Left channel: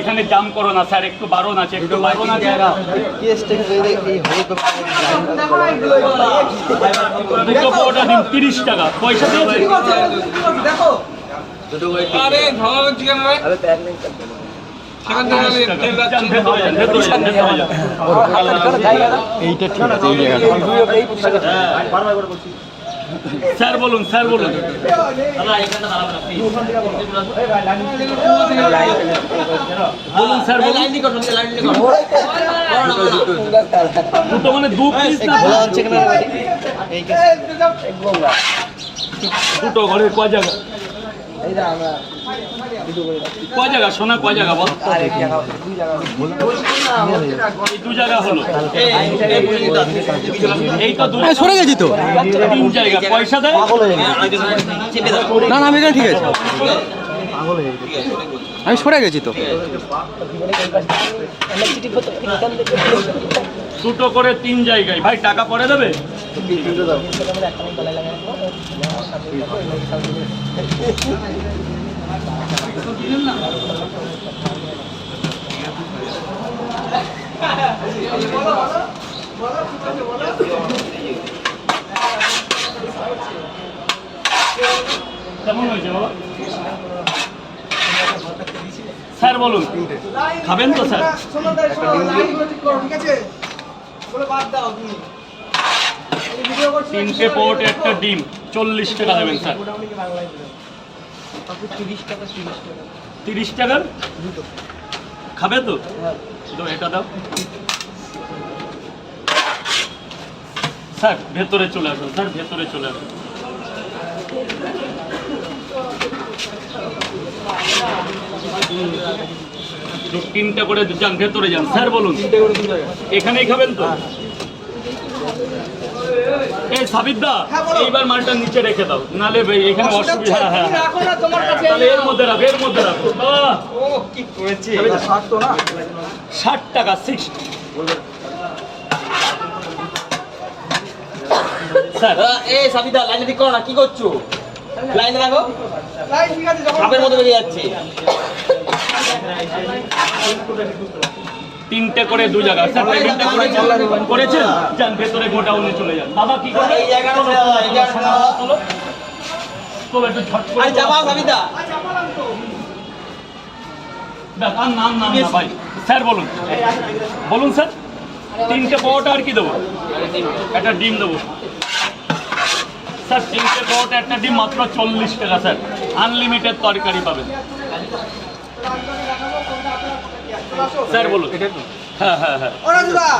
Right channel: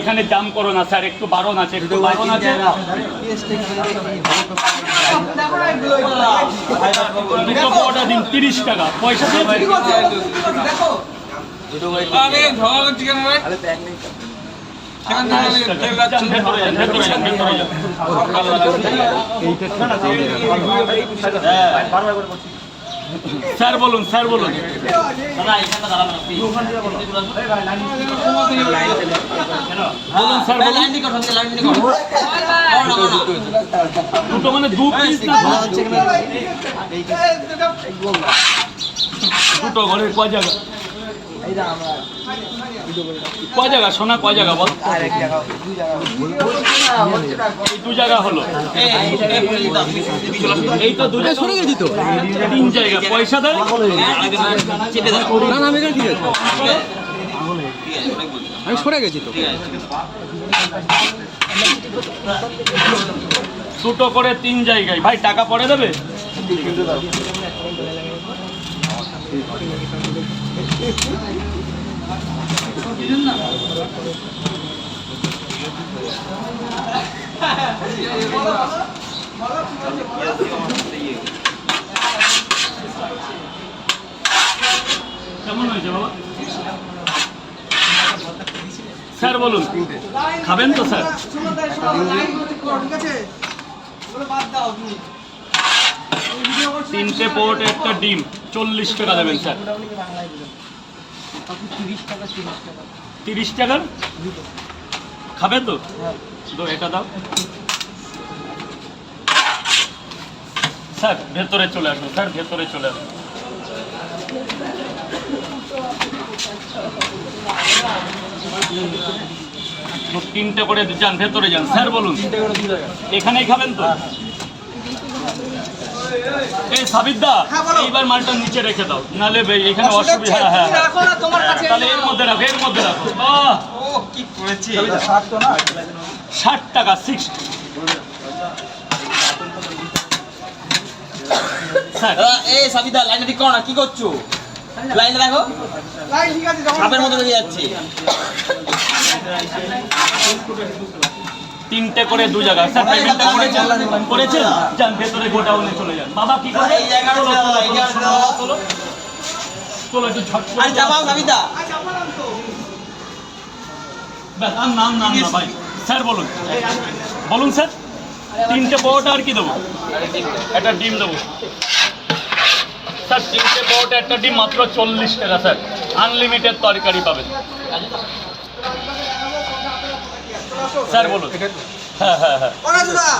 এখানে দাম করো না স্যার, একটু বারণ আছে, একটু বারণ আছে। দুটো পরোটা দিন 30 টাকা, পয়সা দিয়েছি। স্যার বলুন, স্যার বলুন। বলুন স্যার, দুটো মানে দু পিস না দুটো ঘরে কয় জায়গা? কয় জায়গা সোনা, কয় জায়গা বল? দু জায়গা হলো, এই তো দু জায়গা সরে গেছি তো, 3 জায়গা। পয়সা দেয় আমি ঠিক আছে, আমি সরে গেছি তো। দুটো করে 3 জায়গায় ভাই, টাকা পরে দেবে? কেমন হয়েছে বাবা? স্যার বলুন, খাবেন তো স্যার? তিনটে পোর্ট, একটা ডিম, 40 টাকা দেবেন স্যার। 30 টাকার খাবে তো? এটা দাও স্যার, ভেতরে চলে আসুন স্যার, ভেতরে চলে আসুন। তিনটা করে যান, ভেতরে যান। স্যার বলুন, এখানেই খাবেন তো? এই সাবিদা, এইবার মালটা নিচে রেখে দাও, নালে এখানে অসুবিধা। হ্যাঁ, তাহলে এর মধ্যে রাখো, এর মধ্যে রাখো। কি করেছি? 60 টাকা, 60। স্যার এই সাবিদা, লাইনে ঠিক করো না, কি করছো? লাইনে দেখো, সাপের মতো বেরিয়ে যাচ্ছে। তিনটে করে 2 জায়গা। স্যার পেমেন্ট করেছেন? যান ভেতরে, গোডাউনে চলে যান। বাবা কি করবে? এই জায়গাটা চলো চলো, একটু ঝট করে যাবো সাবিদা। নাম নাম নাম না ভাই। স্যার বলুন, বলুন স্যার। তিনটে পরোটা আর কি দেবো? একটা ডিম দেবো স্যার। তিনটে পরোটা, একটা ডিম, মাত্র 40 টাকা স্যার। আনলিমিটেড তরকারি পাবেন স্যার। বলুন। হ্যাঁ হ্যাঁ হ্যাঁ।